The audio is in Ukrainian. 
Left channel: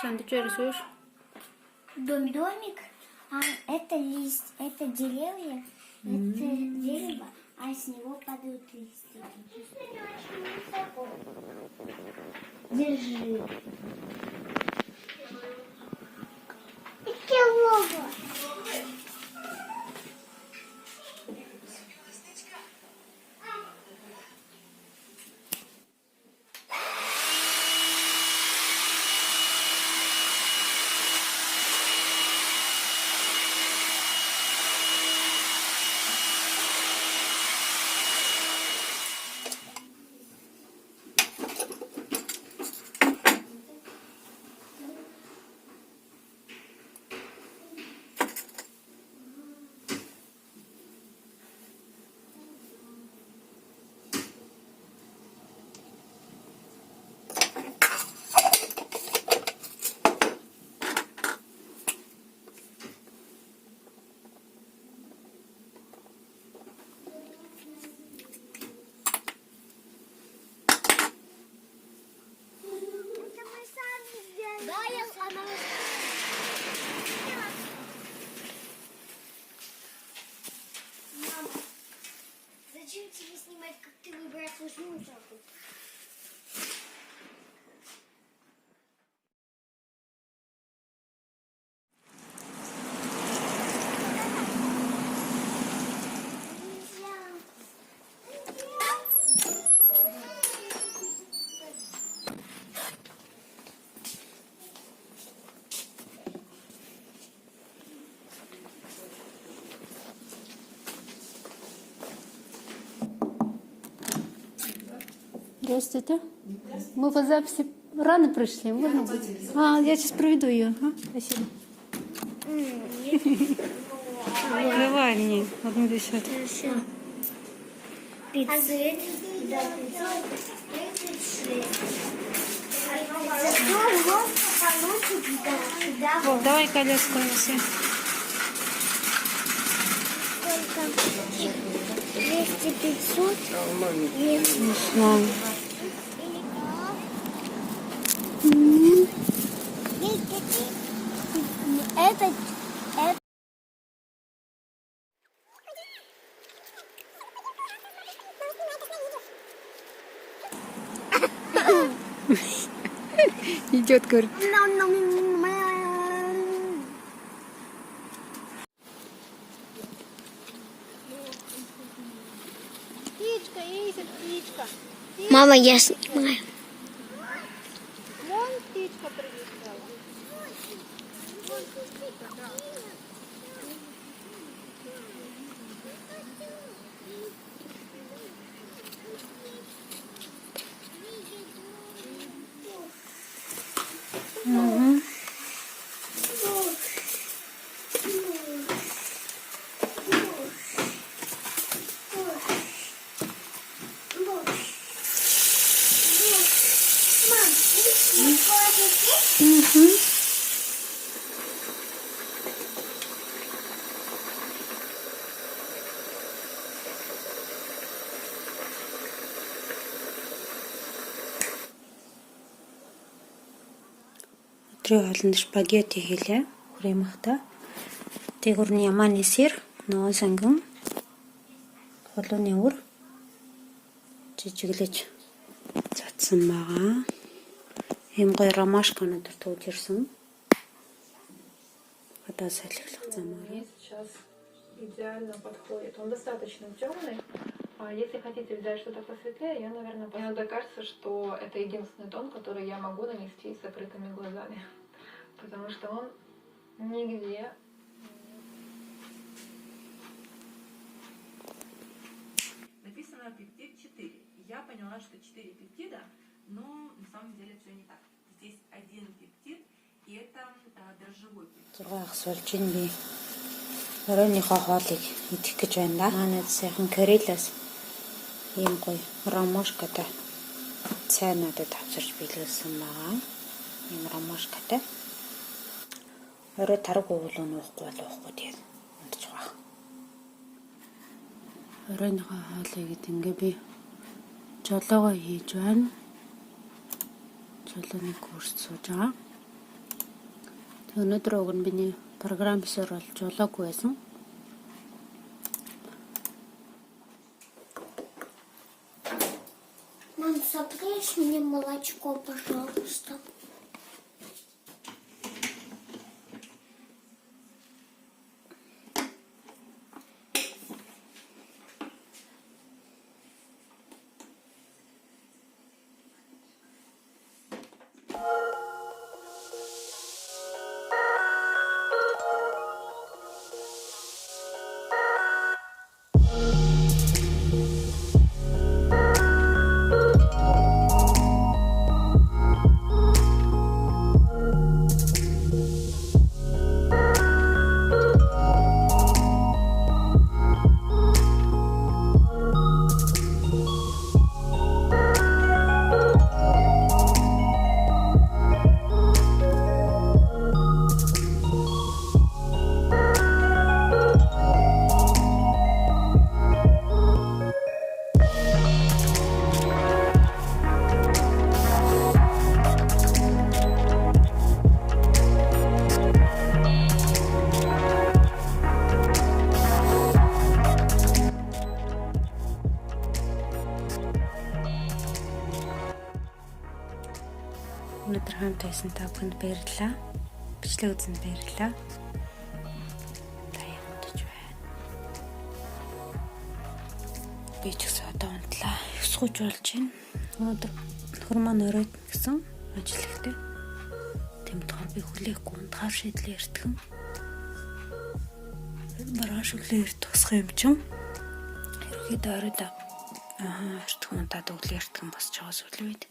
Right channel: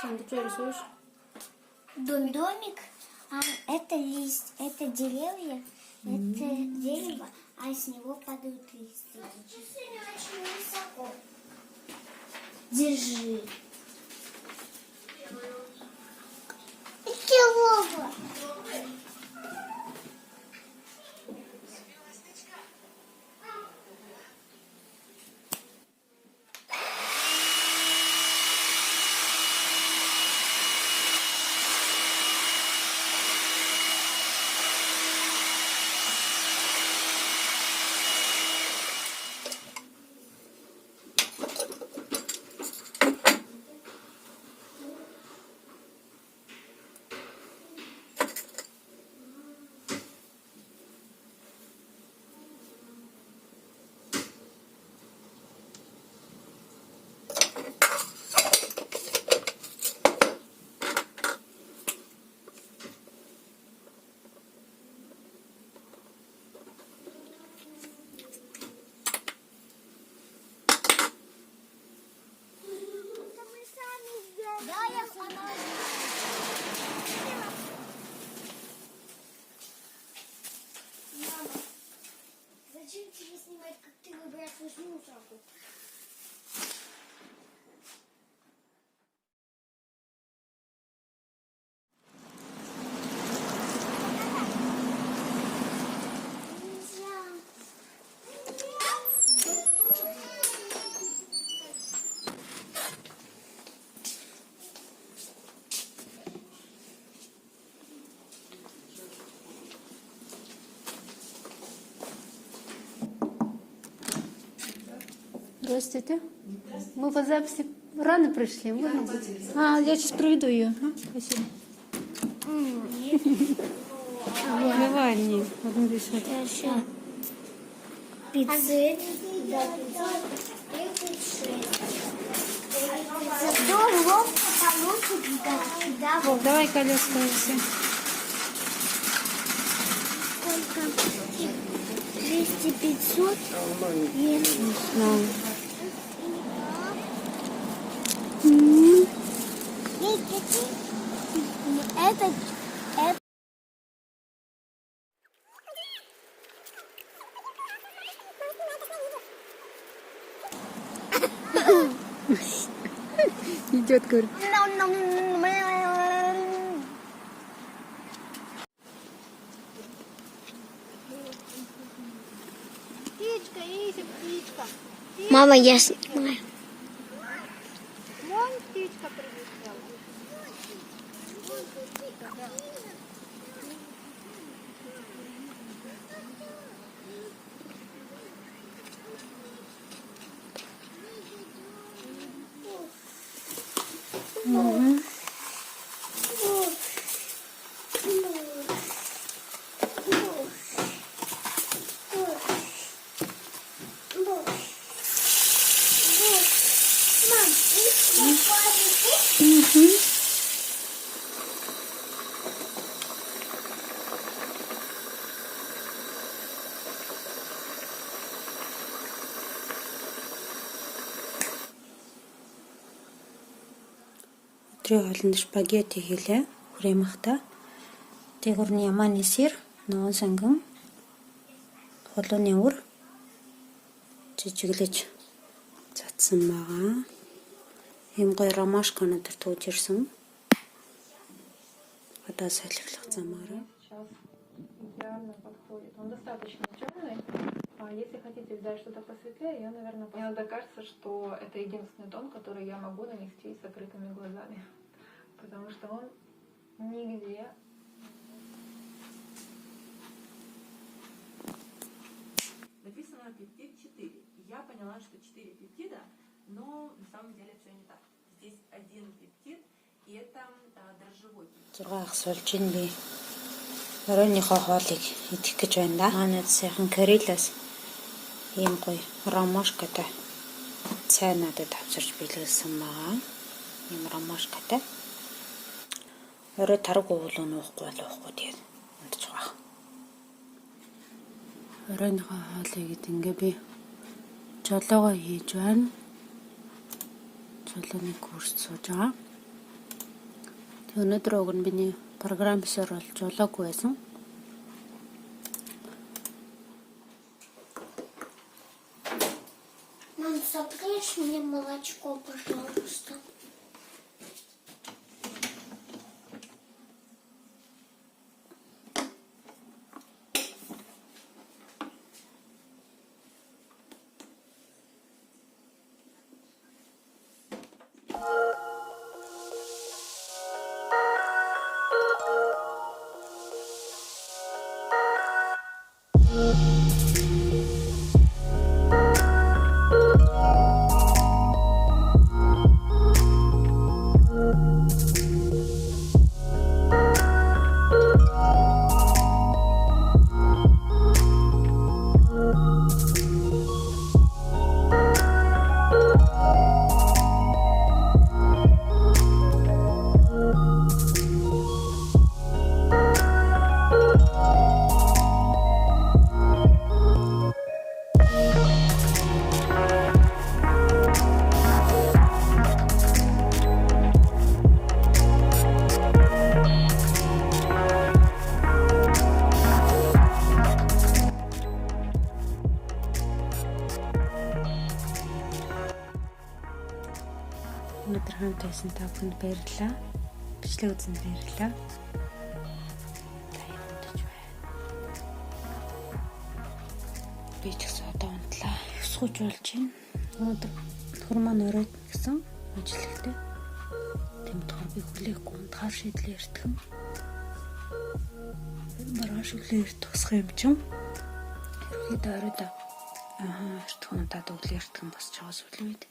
Сам, ты что рисуешь? Домик, а это лист, это деревья, это дерево, а с него падают листья. Сегодня очень высоко. Держи. Килова. Зачем тебе снимать, как ты выбрасываешь мусорку? Здравствуйте. Мы по записи рано пришли. Можно быть? Я сейчас проведу ее. Спасибо. Давай мне одну десятку. 500. Вов, давай колеско все. Сколько? 200-500? Не знаю. Это идет, говорит. Птичка, Ися, птичка. Мама, я снимаю. Вон птичка прилетела. Угу. Угу. Өдрийн хоолнд спагетти хийлээ. Хөрөмхтэй. Тэгүрний ямааны сэр, ногоон сангин, холууны үр жижиглэж цацсан байгаа. Ийм гоё ромашка өнөдөр тууж ирсэн. Одоо салхилах замаараа. Сейчас идеально подходит. Он достаточно темный. А если хотите взять что-то посветлее, я, наверное, иногда кажется, что это единственный тон, который я могу нанести с закрытыми глазами. Потому что он нигде. Написано пептид 4. Я поняла, что 4 пептида, но на самом деле все не так. Здесь один пептид, и это дрожжевой пептид. Зураг суулж ин би. Оройныхоо хоолыг идэх гэж байна да. Манайд сайхан Карелиас ийм гоё ромашкатай цай надад авчирч биелүүлсэн байгаа. Ийм ромашкатай. Орой тарга уул уухгүй болоохгүй тэгээд унтж байгаа. Оройныхоо хоолыг ингээ би жолоогоо хийж байна. Жолооны курс сууж байгаа. Тэг өнөөдөр уг нь биний программисоор бол жолоогүй байсан. Мам, сопришь мне молочко, пожалуйста. Өнөөдөр хамт байсан та бүхэнд баярлалаа. Бичлэг үзсэнд баярлалаа. Та юмдаж байна. Би ч гэсэн одоо унтлаа. 9:30 болж байна. Өнөөдөр нөхөр маань оройд гэсэн ажил ихтэй. Тэмдгээр би хүлээхгүй унтахаар шийдлээ эртгэн. Маргааш өглөө тусах юм чинь. Хэрвээ оройд эртгэн унтаад өглөө эртгэн босч байгаа сүлээ үед.